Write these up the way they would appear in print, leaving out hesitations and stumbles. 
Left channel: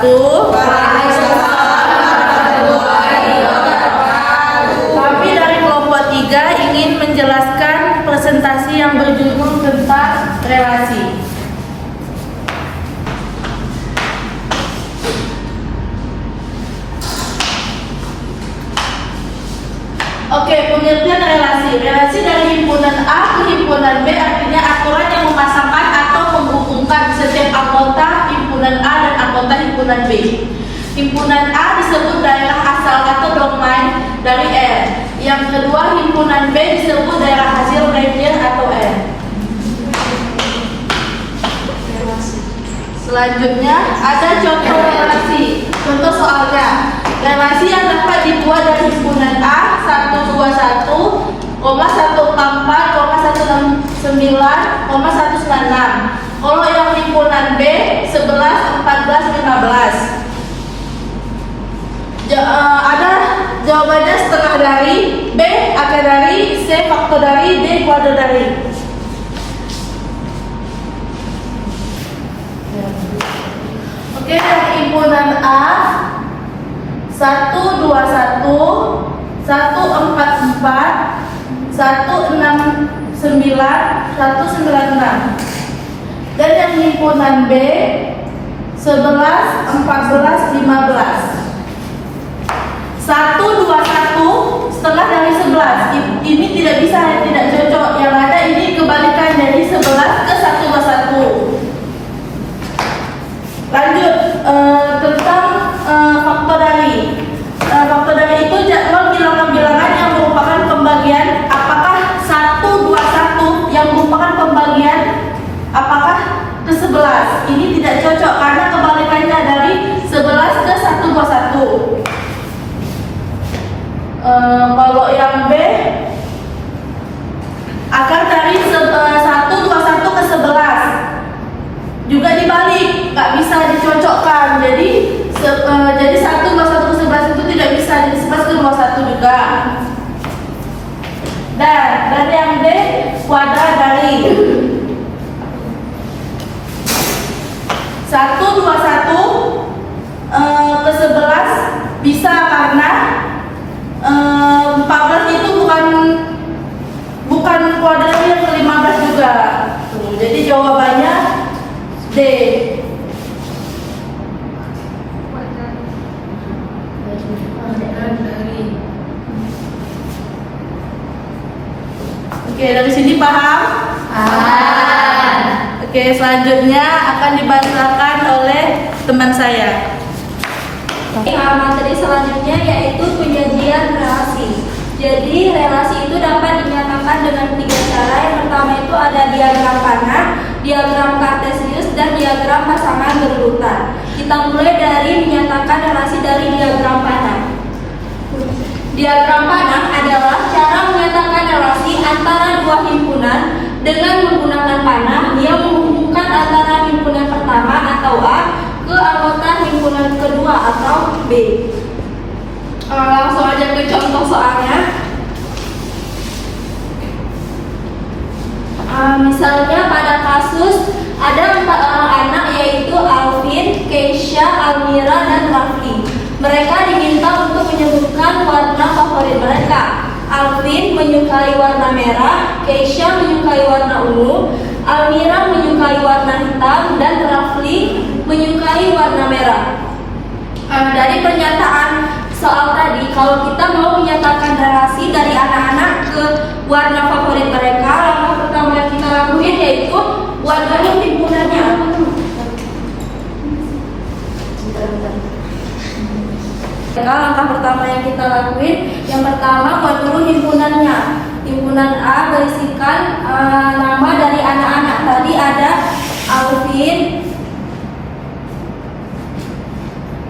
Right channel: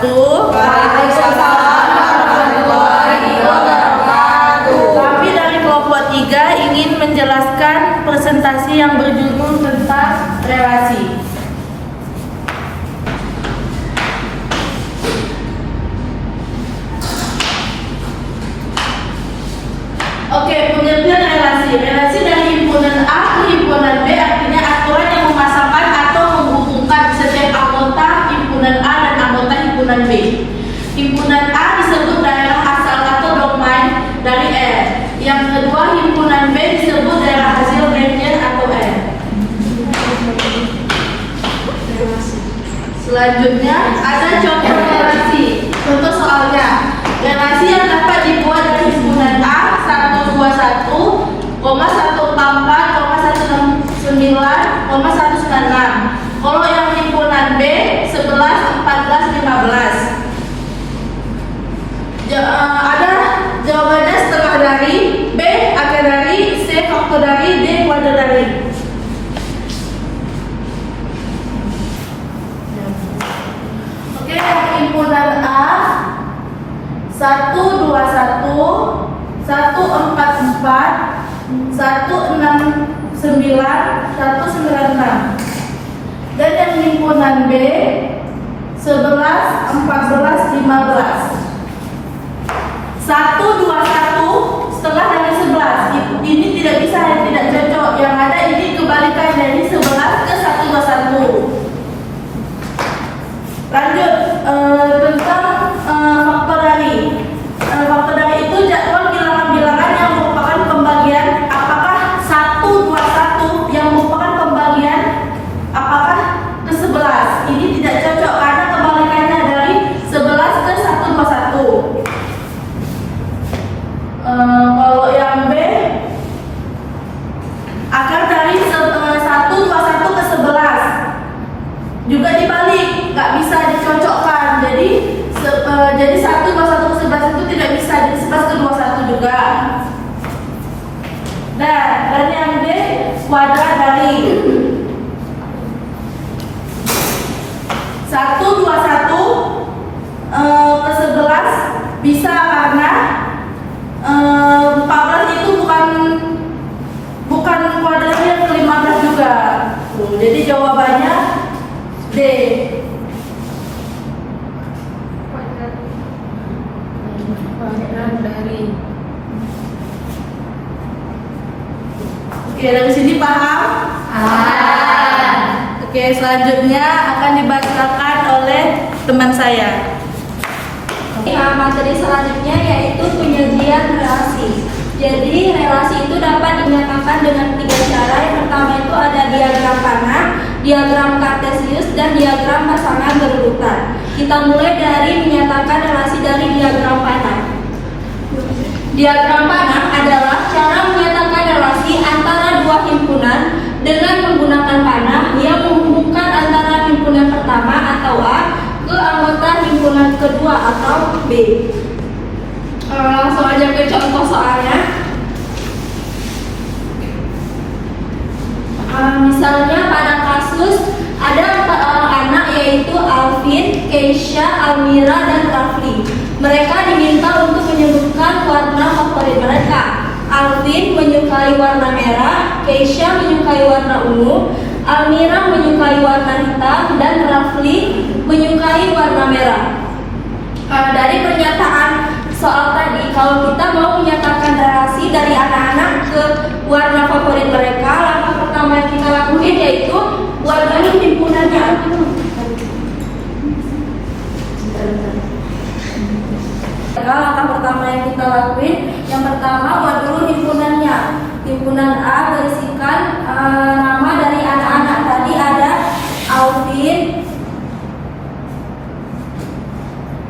wabarakatuh. Kami dari kelompok 3 ingin menjelaskan presentasi yang berjudul tentang relasi. Oke, pengertian relasi. Relasi dari himpunan A ke himpunan B artinya aturan yang memasangkan atau menghubungkan setiap anggota himpunan A dan anggota himpunan B. Himpunan A disebut daerah asal atau domain dari R. Yang kedua, himpunan B disebut daerah hasil Napier atau R. Selanjutnya ada contoh relasi. Contoh soalnya, relasi yang dapat dibuat dari himpunan A 121, 144, 169, 196. Kalau yang himpunan B 11, 14, 15. Ada jawabannya setengah dari, B akar dari, C faktor dari, D kuadrat dari. Oke, himpunan A 121, 144, 169, 196. Dan yang himpunan B 11, 14, 15. 121 setengah dari 11. Ini tidak bisa, tidak cocok. Yang ada ini kebalikan dari 11 ke 121. Lanjut tentang faktor dari. Faktor dari itu jadwal bilangan-bilangan yang merupakan pembagian. Apakah 121 yang merupakan pembagian apakah ke 11? Ini tidak cocok karena kebalikannya dari 11 ke 121. Kalau yang B akar dari 121 ke 11 juga dibalik, nggak bisa dicocokkan. Jadi 121 ke 11 itu tidak bisa, jadi 11 ke 21 juga. Nah, dan yang D kuadrat dari 121 ke 11 bisa karena 14 itu bukan kuadratnya yang ke-15 juga. Jadi jawabannya D. Oke, dari sini paham? Oke, selanjutnya akan dibacakan oleh teman saya. Materi selanjutnya yaitu penyajian relasi. Jadi relasi itu dapat dinyatakan dengan 3 cara. Yang pertama itu ada diagram panah, diagram kartesius, dan diagram pasangan berurutan. Kita mulai dari menyatakan relasi dari diagram panah. Diagram panah adalah cara menyatakan relasi antara dua himpunan dengan menggunakan panah yang menghubungkan antara himpunan pertama atau A ke anggota himpunan kedua atau B. Langsung aja ke contoh soalnya. Misalnya pada kasus ada 4 orang anak yaitu Alvin, Keisha, Almira, dan Rafli. Mereka diminta untuk menyebutkan warna favorit mereka. Alvin menyukai warna merah, Keisha menyukai warna ungu, Almira menyukai warna hitam, dan Rafli menyukai warna merah. Dari pernyataan soal tadi, kalau kita mau menyatakan relasi dari anak-anak ke warna favorit mereka, langkah pertama yang kita lakuin yaitu buat dulu himpunannya. Langkah pertama yang kita lakuin, yang pertama buat dulu himpunannya. Himpunan A berisikan nama dari anak-anak tadi ada Alvin,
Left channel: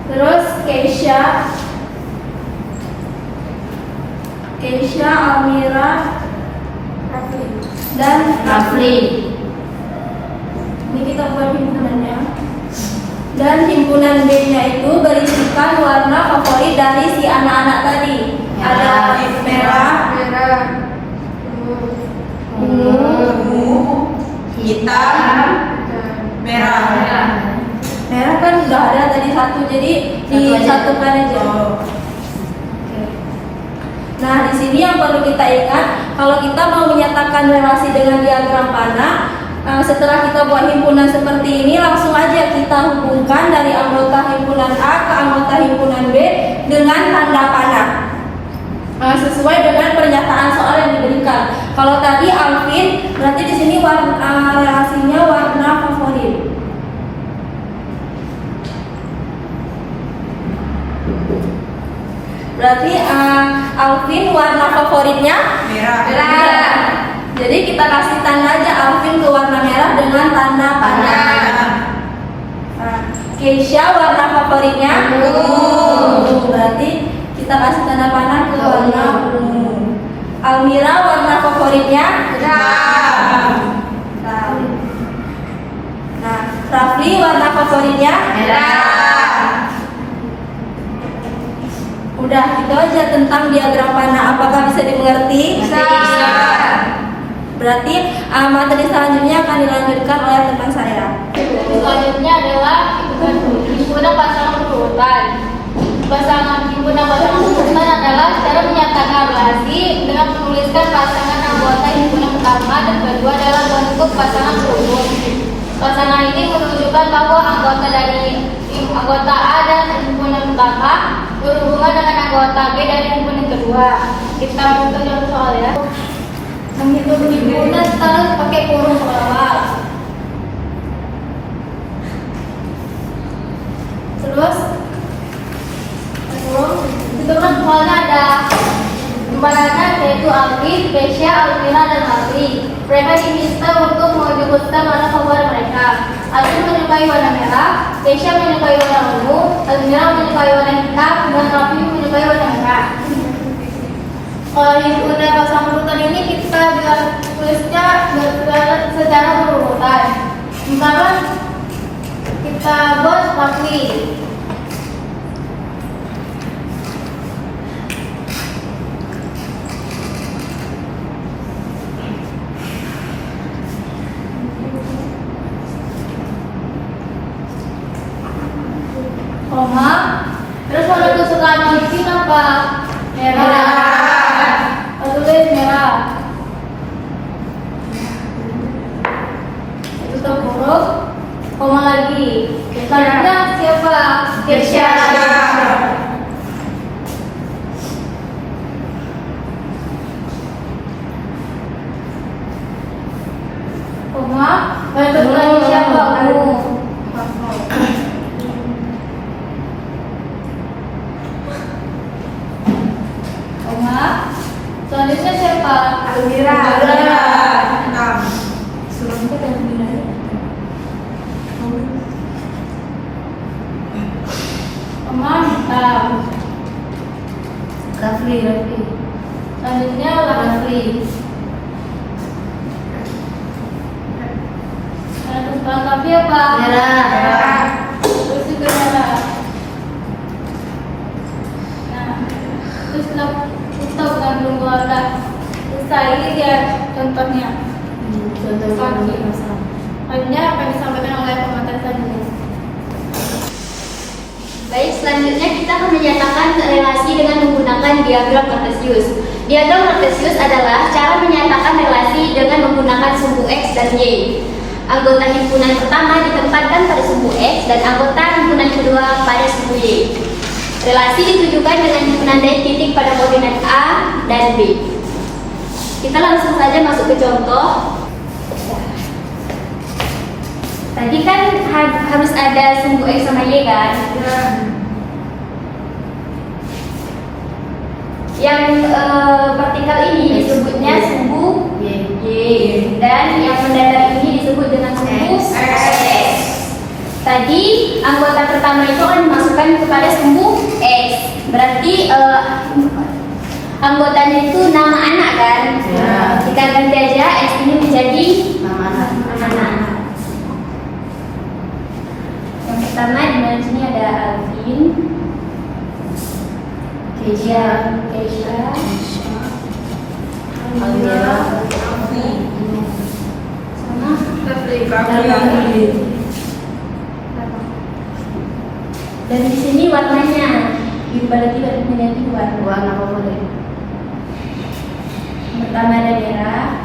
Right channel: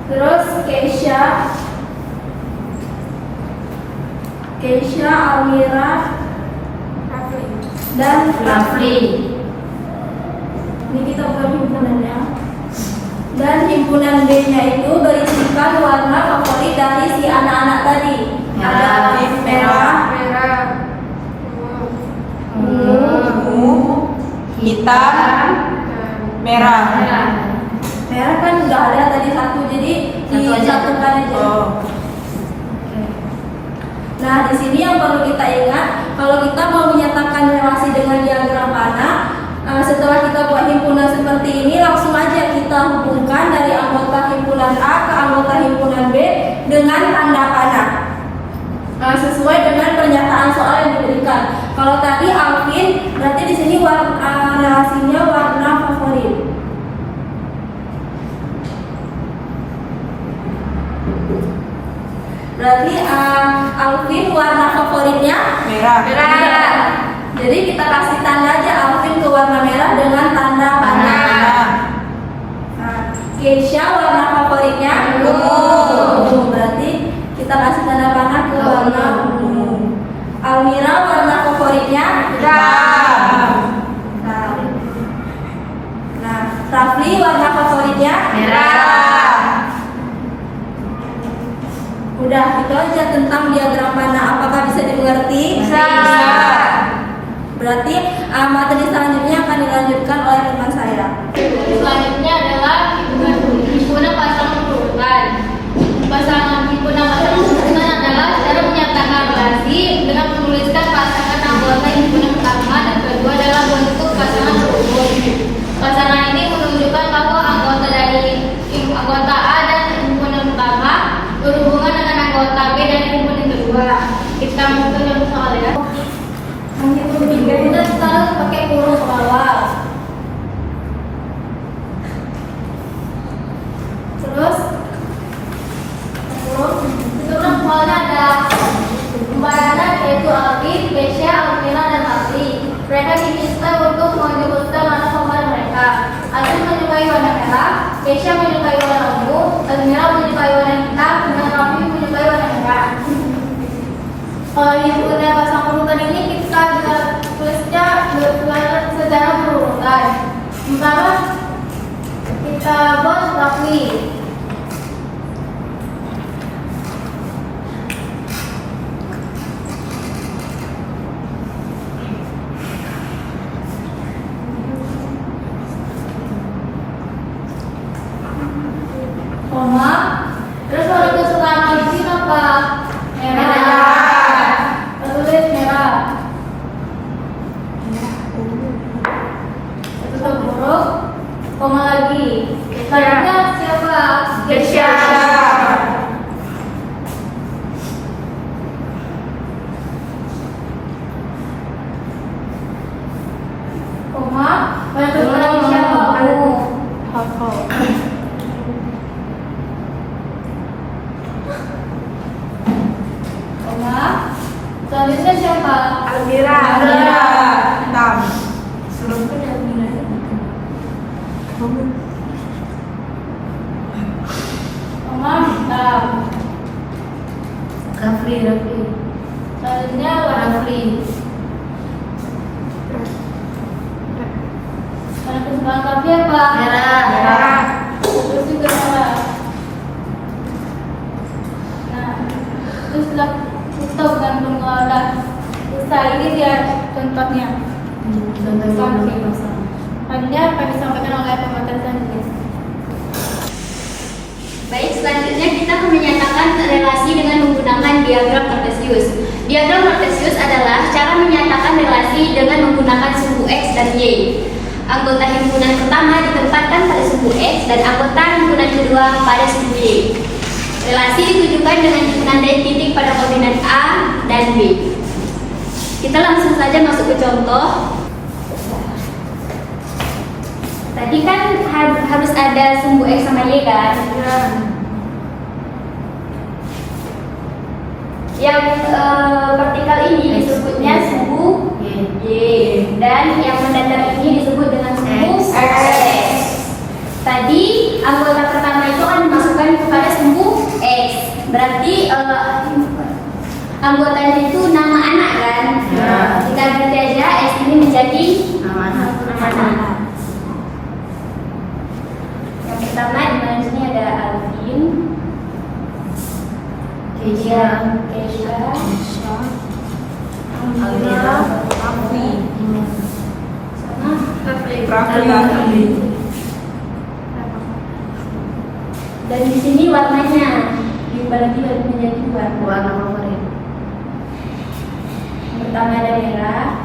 terus Keisha, Almira, dan Rafli. Ini kita buat himpunannya. Dan himpunan B-nya itu berisikan warna favorit dari si anak-anak tadi. Ada merah, ungu, Hitam, merah. Merah kan udah ada tadi satu, jadi disatukan aja. Oke. Nah, di sini yang perlu kita ingat, kalau kita mau menyatakan relasi dengan diagram panah, setelah kita buat himpunan seperti ini, langsung aja kita hubungkan dari anggota himpunan A ke anggota himpunan B dengan tanda panah. Sesuai dengan pernyataan soal yang diberikan. Kalau tadi Alvin, berarti di sini relasinya warna favorit. Berarti Alvin warna favoritnya merah. Jadi kita kasih tanda aja Alvin ke warna merah dengan tanda panah. Keisha warna favoritnya ungu. Berarti kita kasih tanda panah ke warna ungu. Almira warna favoritnya hitam. Nah, Rafli warna favoritnya merah. Udah, itu aja tentang diagram panah. Apakah bisa dimengerti? Bisa. Berarti materi selanjutnya akan dilanjutkan oleh teman saya. Selanjutnya adalah himpunan pasangan berurutan. Himpunan pasangan berurutan adalah cara menyatakan relasi dengan menuliskan pasangan anggota himpunan pertama dan kedua dalam bentuk pasangan berurut. Pasangan ini menunjukkan bahwa anggota dari anggota A dan himpunan pertama berhubungan dengan anggota B dan himpunan kedua. Kita buka yang soal ya. Menghitung himpunan terus pakai kurung ke bawah. Terus hitungan soalnya ada pembalasan yaitu Alvin, Keisha, Alvira, dan Alfi. Mereka diminta untuk menyebutkan warna favorit mereka. Alvin menyukai warna merah, Keisha menyukai warna ungu, Almira menyukai warna hitam, dan Raffi menyukai warna merah. Kalau himpunan pasangan berurutan ini kita tulisnya secara berurutan. Pertama kita buat Raffi. Terus kalau kesukaan Alvin apa? Merah. Tulis merah. Itu huruf koma lagi. Selanjutnya siapa? Keisha. Koma. Yang kedua siapa? Selanjutnya siapa? Almira. Koma hitam. Rafli. Selanjutnya Rafli. Karena kesukaan Rafli apa? Merah. Terus juga merah. Nah, terus kita bukan belum udah selesai. Ini dia contohnya. Selanjutnya akan disampaikan oleh pemateri selanjutnya. Baik, selanjutnya kita akan menyatakan relasi dengan menggunakan diagram Cartesius. Diagram Cartesius adalah cara menyatakan relasi dengan menggunakan sumbu X dan Y. Anggota himpunan pertama ditempatkan pada sumbu X dan anggota himpunan kedua pada sumbu Y. Relasi ditujukan dengan himpunan dari titik pada koordinat A dan B. Kita langsung saja masuk ke contoh. Tadi kan harus ada sumbu X sama Y kan? Yang vertikal ini disebutnya sumbu Y, dan yang mendatar ini disebut dengan sumbu X. Tadi anggota pertama itu akan dimasukkan kepada sumbu X. Berarti anggotanya itu nama anak kan? Kita ganti aja X ini menjadi nama anak. Yang pertama di mana sini ada Alvin, Keisha, Almira, sama Rafli. Dan di sini warnanya, berarti warnanya itu warna boleh. Pertama ada merah,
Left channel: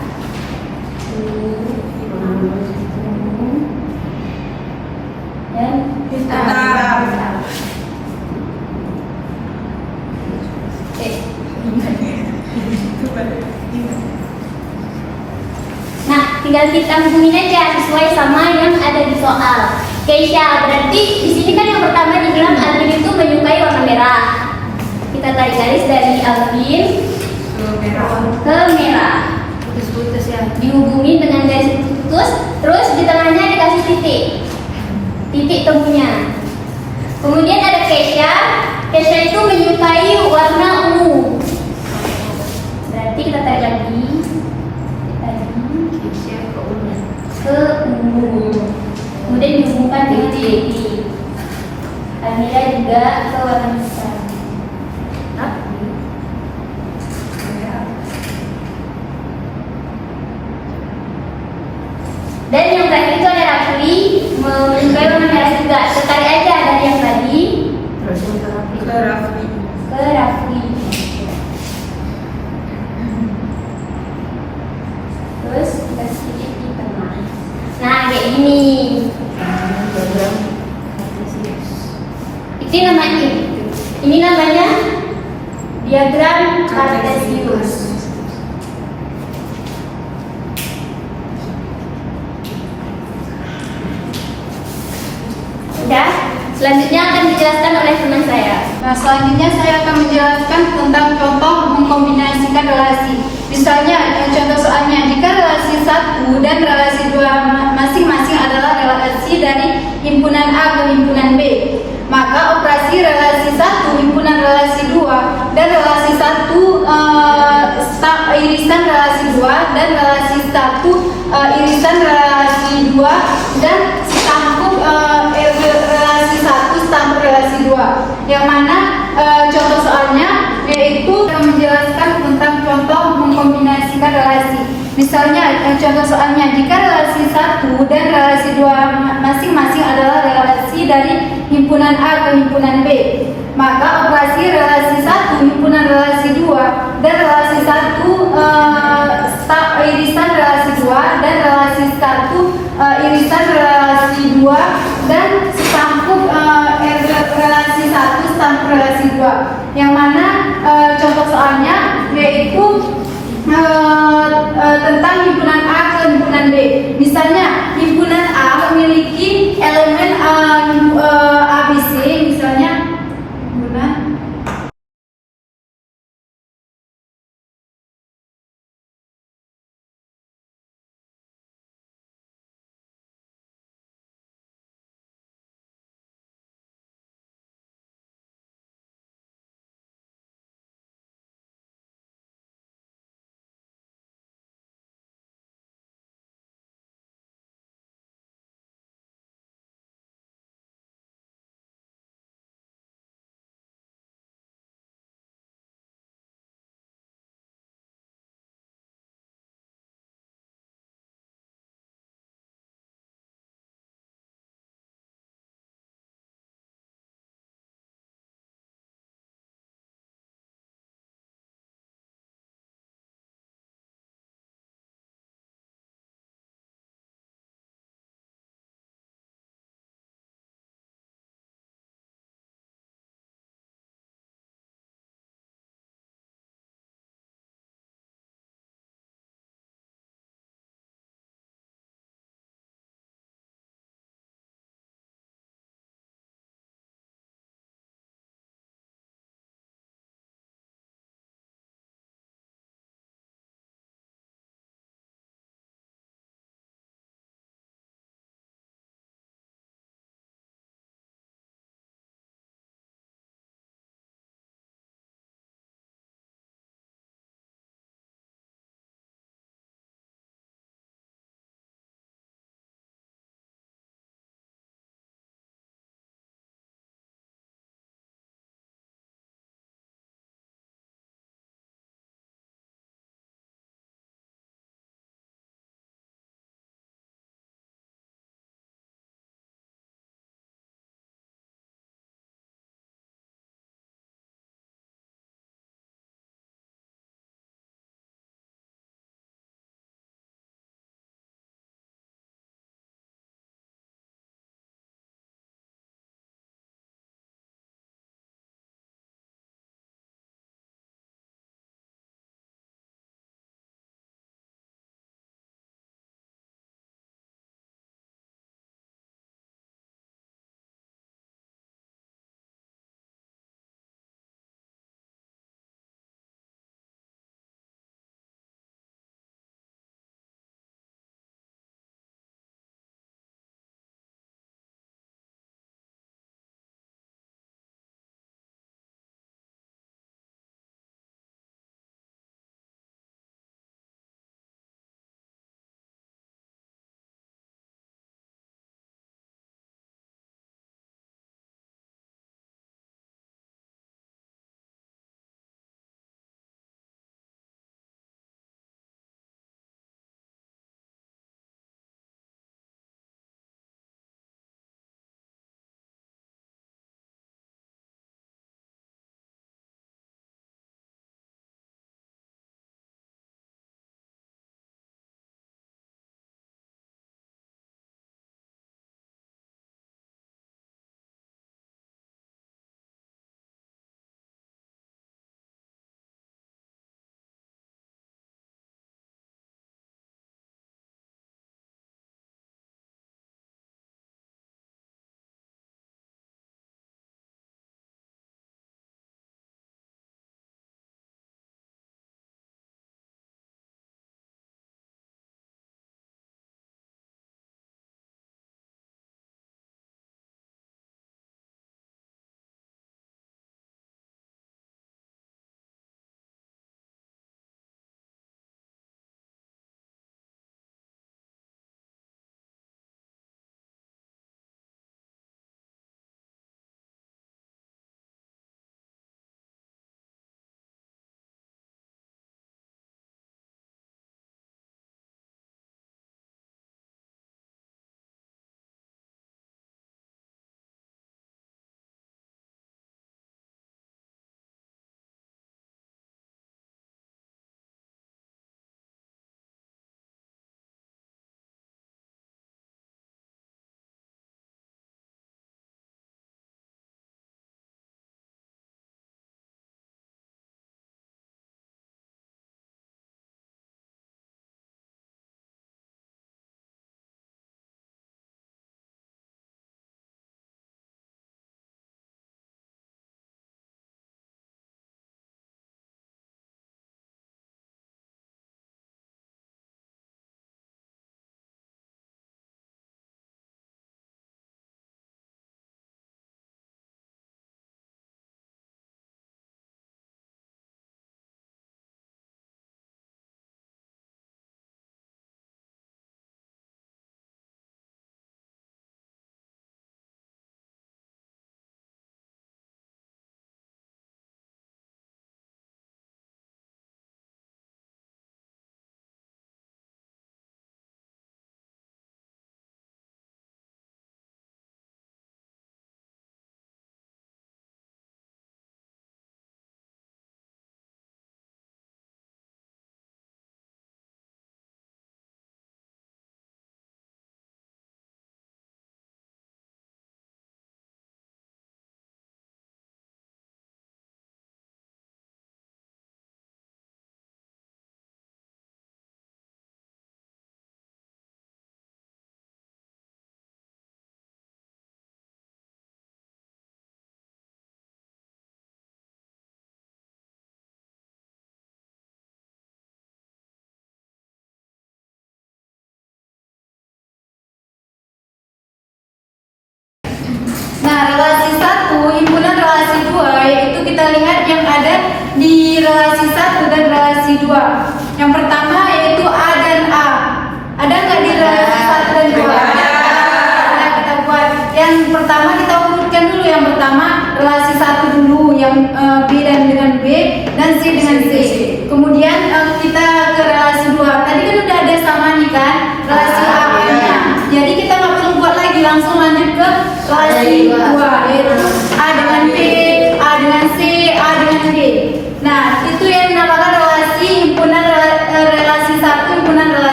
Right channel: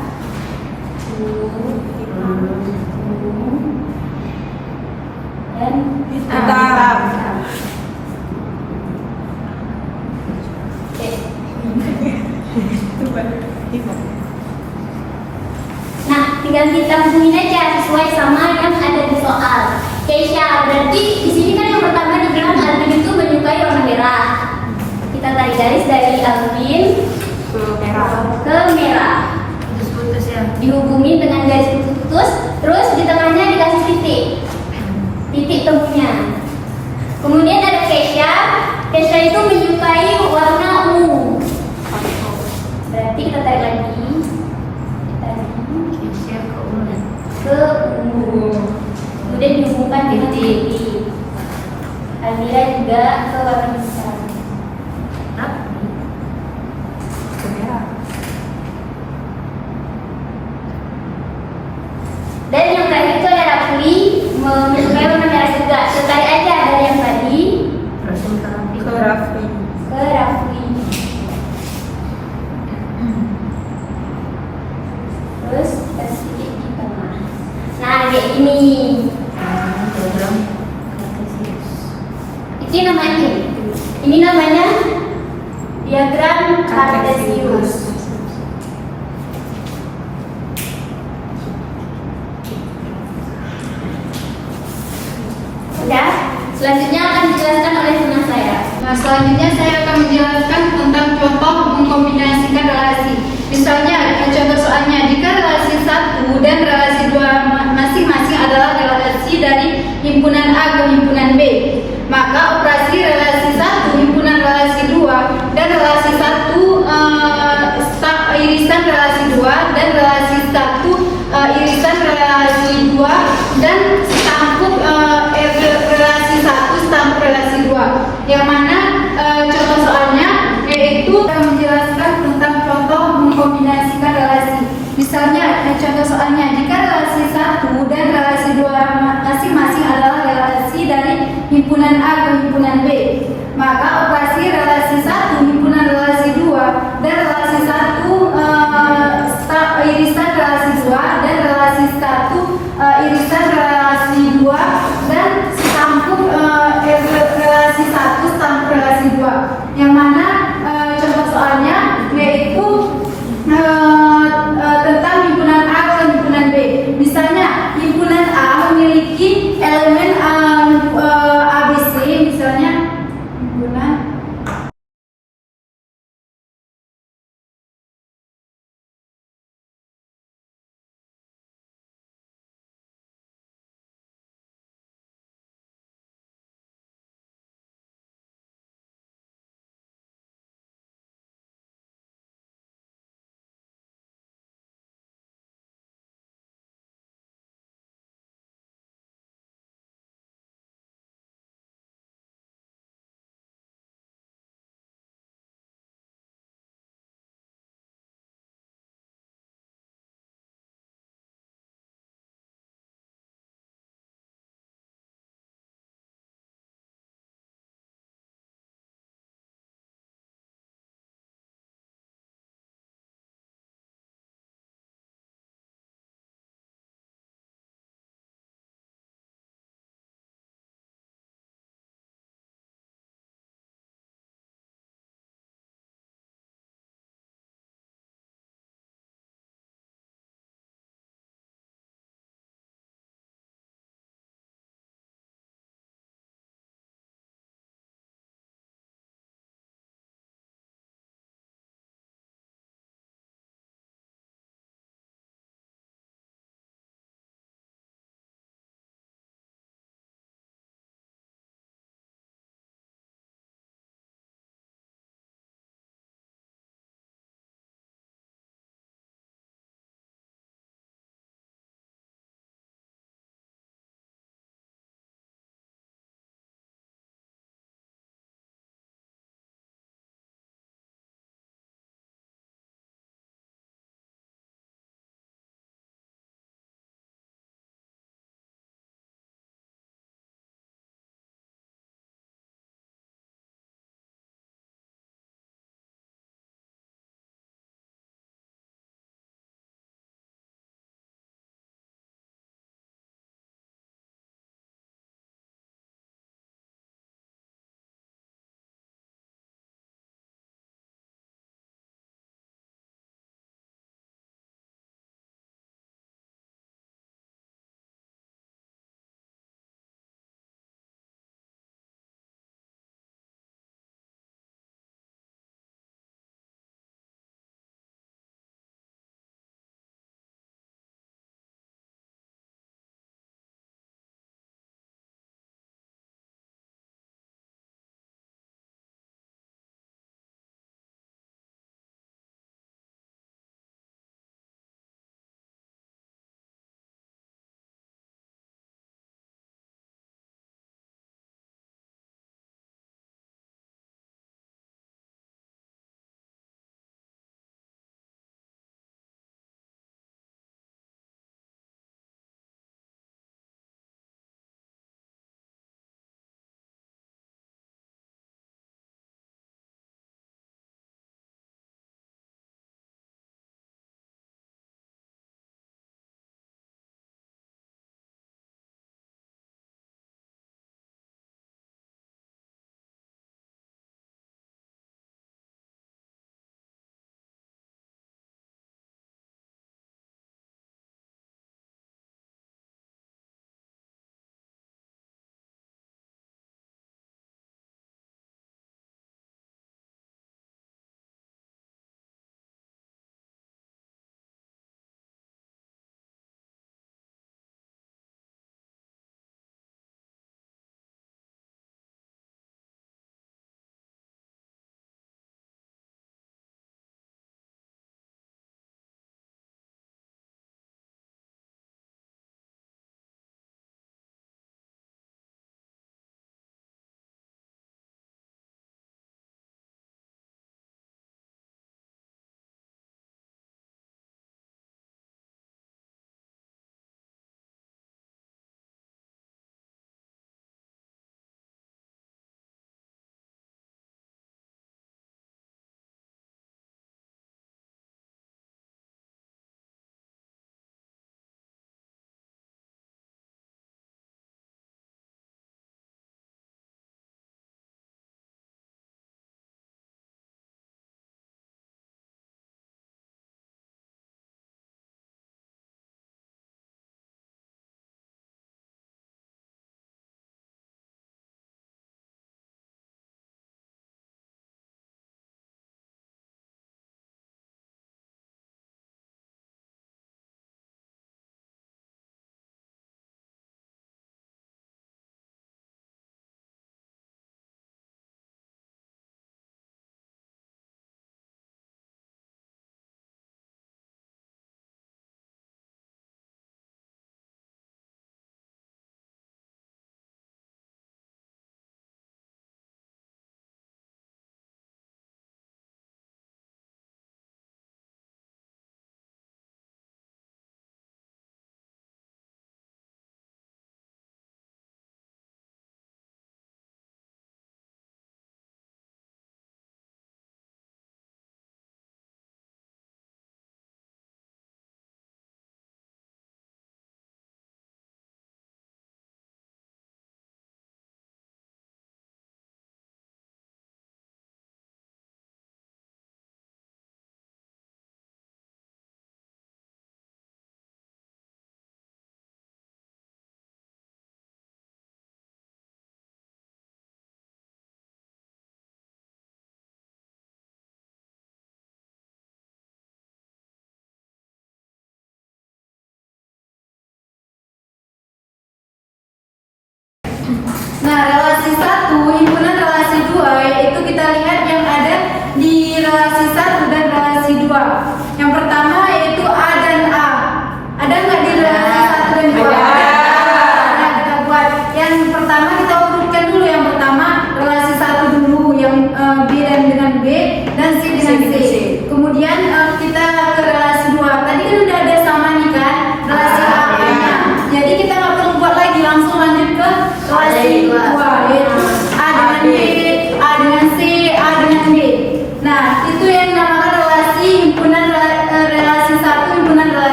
dan hitam. Oke. Nah, tinggal kita hubungin aja sesuai sama yang ada di soal. Keisha, berarti di sini kan yang pertama dibilang Alvin itu menyukai warna merah. Kita tarik garis dari Alvin ke merah. Putus ya. Dihubungi dengan garis putus, terus di tengahnya dikasih titik temunya. Kemudian ada Keisha. Keisha itu menyukai warna ungu. Berarti kita tarik lagi. Ke ungu. Kemudian dihubungkan dengan Jelly. Almira juga ke warna hitam. Dan yang tadi itu ada Rafli menyukai warna merah juga. Tertarik aja dari yang tadi ke Rafli. Terus kasih di tengah. Nah, kayak gini. Itu namanya. Ini namanya diagram Cartesius. Udah, selanjutnya akan dijelaskan oleh teman saya. Nah, selanjutnya saya akan menjelaskan tentang contoh mengkombinasikan relasi. Misalnya, contoh soalnya, jika relasi 1 dan relasi 2 masing-masing adalah relasi dari himpunan A ke himpunan B, maka operasi relasi 1 himpunan relasi 2 dan relasi 1 irisan relasi 2 dan relasi 1 irisan relasi 2 dan setampuk relasi 1 setampuk relasi 2, yang mana contoh soalnya yaitu menjelaskan tentang contoh mengkombinasikan relasi. Misalnya contoh soalnya, jika relasi 1 dan relasi 2 masing-masing adalah relasi dari himpunan A ke himpunan B, maka operasi relasi 1 himpunan relasi 2 dan relasi 1 irisan relasi 2 dan relasi 1 irisan relasi 2 dan setampuk relasi 1 setampuk relasi 2, yang mana contoh soalnya yaitu tentang himpunan A ke himpunan B. Misalnya himpunan A memiliki elemen ABC, misalnya himpunan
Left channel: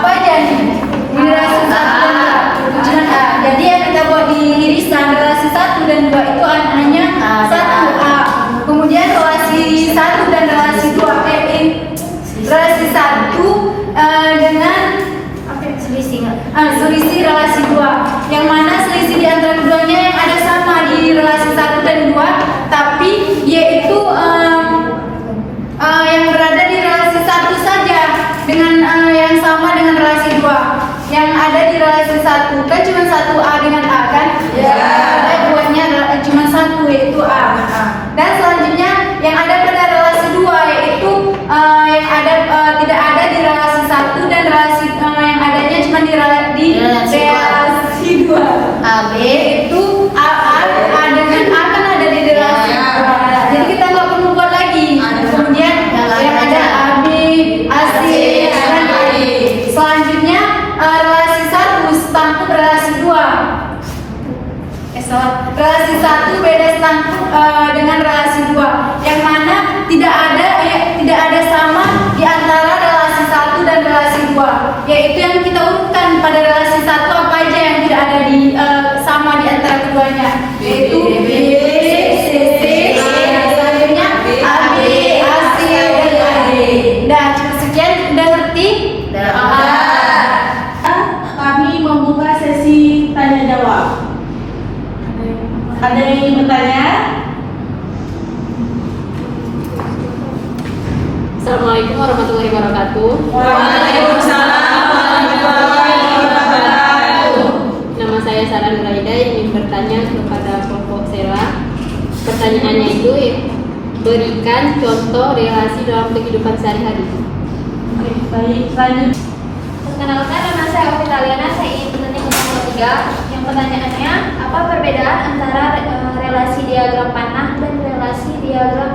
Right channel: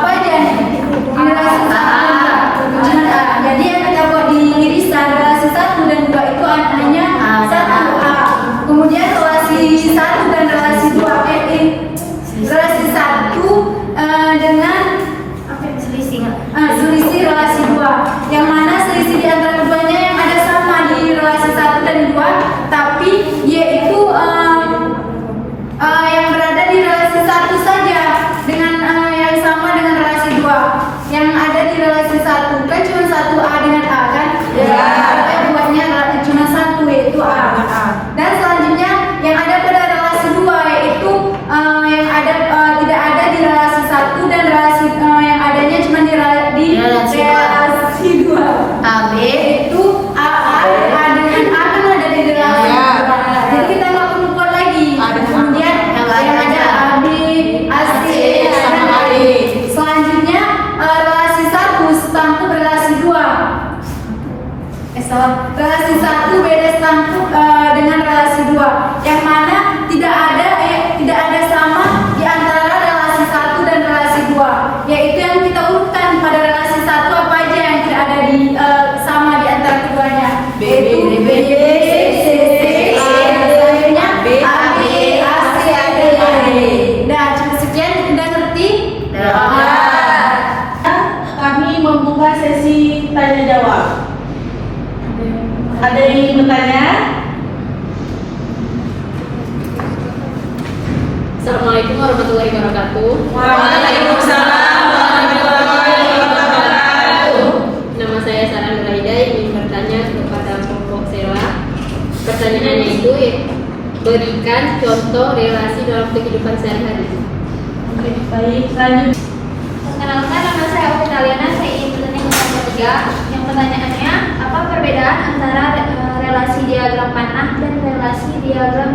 apa aja nih? Di relasi 1 dan 2. Tujuan A. Jadi yang kita buat di irisan relasi 1 dan 2 itu hanya 1A. Kemudian relasi 1 dan relasi 2 relasi 1 dengan selisih relasi 2. Yang mana selisih di antara keduanya yang ada sama di relasi 1 dan 2, tapi yaitu yang berada di relasi 1 saja dengan yang sama dengan relasi 2. Yang ada di relasi 1 kan cuma 1A dengan A kan? Ya. Buatnya cuma 1 yaitu A. Dan selanjutnya yang ada pada relasi 2 yaitu yang ada tidak ada di relasi 1 dan relasi yang adanya cuma di relasi 2. AB itu A dengan A kan ada di relasi 2. Jadi kita nggak perlu buat lagi. Kemudian yang ada AB, AC dan AD. Selanjutnya relasi 1 setangkup relasi 2. Relasi 1 beda setangkup dengan relasi 2. Yang mana tidak ada sama di antara relasi 1 dan relasi 2. Yaitu yang kita urutkan pada relasi 1 apa aja yang tidak ada di sama di antara keduanya. Yaitu B, C, C, selanjutnya AB, AC dan AD. Nah, cukup sekian. Udah ngerti? Kami membuka sesi tanya jawab. Ada yang ingin bertanya? Assalamualaikum warahmatullahi wabarakatuh. Waalaikumsalam warahmatullahi wabarakatuh. Nama saya Sarah Nuraida, ingin bertanya kepada Kelompok Sela. Pertanyaannya itu, berikan contoh relasi dalam kehidupan sehari-hari. Oke, baik, lanjut. Perkenalkan, nama saya Ovitalina, saya ingin bertanya kepada Olga. Yang pertanyaannya, apa perbedaan antara relasi diagram panah dan relasi diagram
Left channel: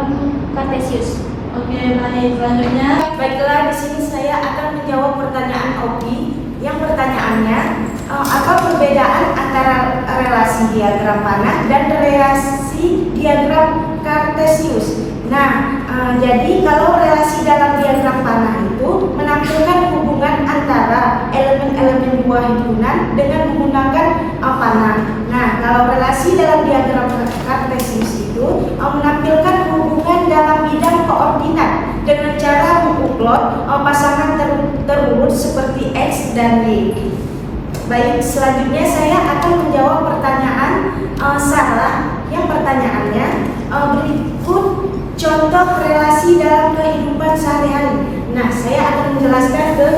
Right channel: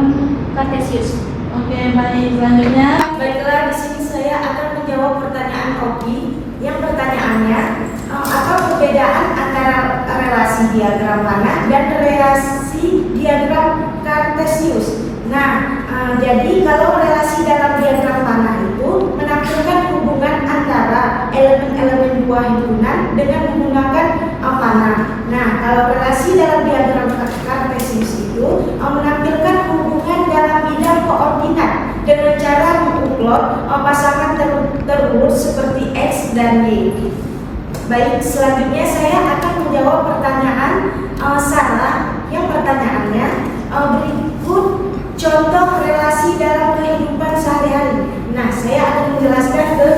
Kartesius? Oke, baik, selanjutnya. Baiklah, di sini saya akan menjawab pertanyaan Oki. Yang pertanyaannya, apa perbedaan antara relasi diagram panah dan relasi diagram Kartesius? Nah, jadi kalau relasi dalam diagram panah itu menampilkan hubungan antara elemen-elemen dua himpunan dengan menggunakan panah. Nah, kalau relasi dalam diagram Kartesius itu menampilkan hubungan dalam bidang koordinat dengan cara menguplot pasangan terurut seperti X dan Y. Baik, selanjutnya saya akan menjawab pertanyaan Sarah. Yang pertanyaannya, berikut contoh relasi dalam kehidupan sehari-hari. Nah, saya akan menjelaskan ke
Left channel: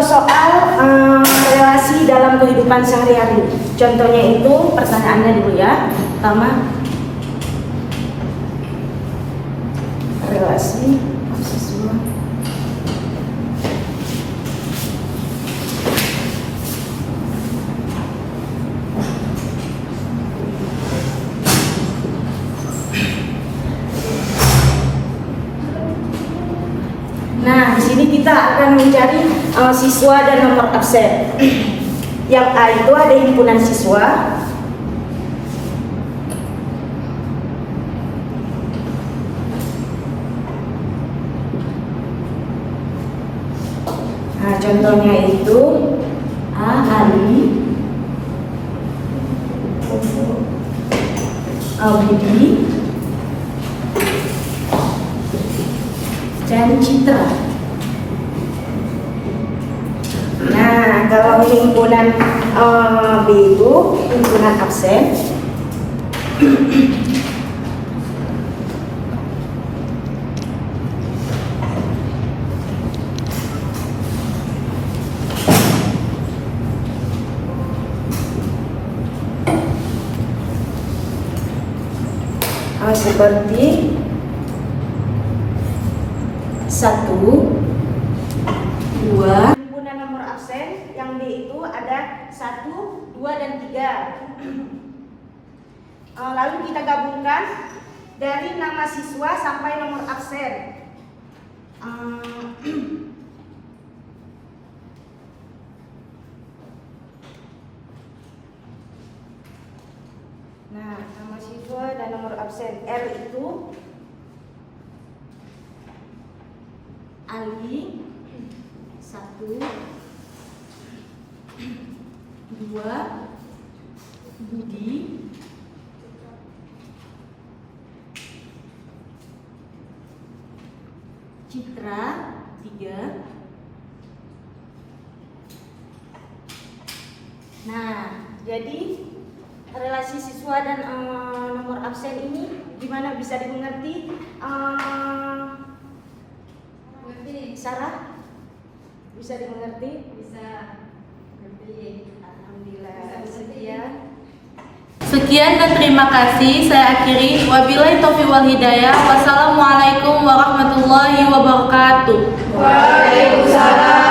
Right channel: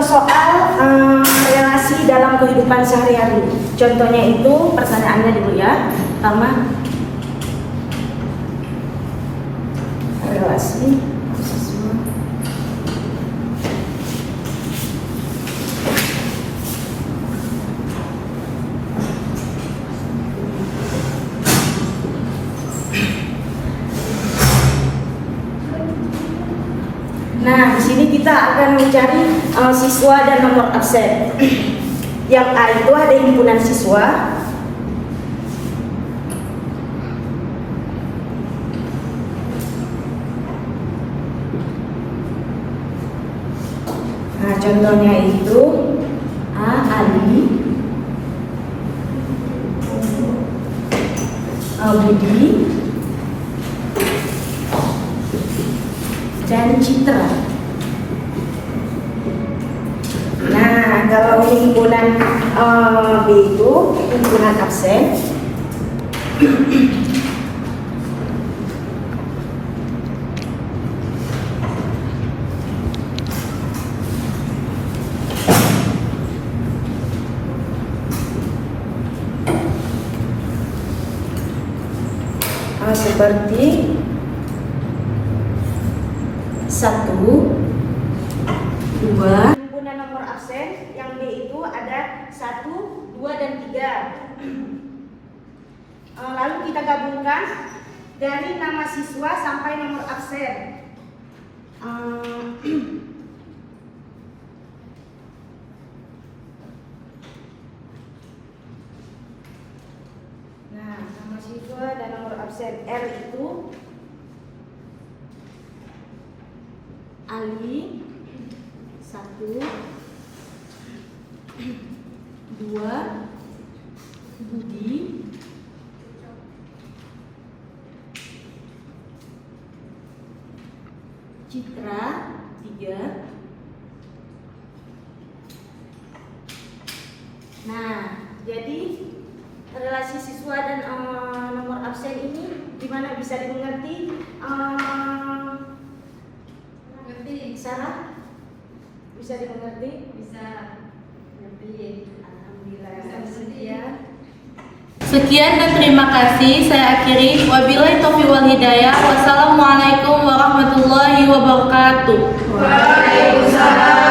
soal relasi dalam kehidupan sehari-hari. Contohnya itu, pertanyaannya dulu ya. Pertama, relasi siswa. Nah, di sini kita akan mencari siswa dan nomor absen. Yang A itu ada himpunan siswa. Nah, contohnya itu A. Ali, Budi, dan Citra. Nah, kalau himpunan B itu himpunan absen. Seperti 1, 2. Himpunan nomor absen yang D itu ada 1, 2, dan 3. Lalu kita gabungkan dari nama siswa sampai nomor absen. Nah, nama siswa dan nomor absen R itu Ali 1, 2, Budi, 3. Nah, jadi relasi siswa dan nomor absen ini gimana, bisa dimengerti? Sarah? Bisa dimengerti? Bisa mengerti. Alhamdulillah. Sekian dan terima kasih. Saya akhiri. Wabillahi taufiq wal hidayah. Wassalamualaikum warahmatullahi wabarakatuh. Waalaikumsalam.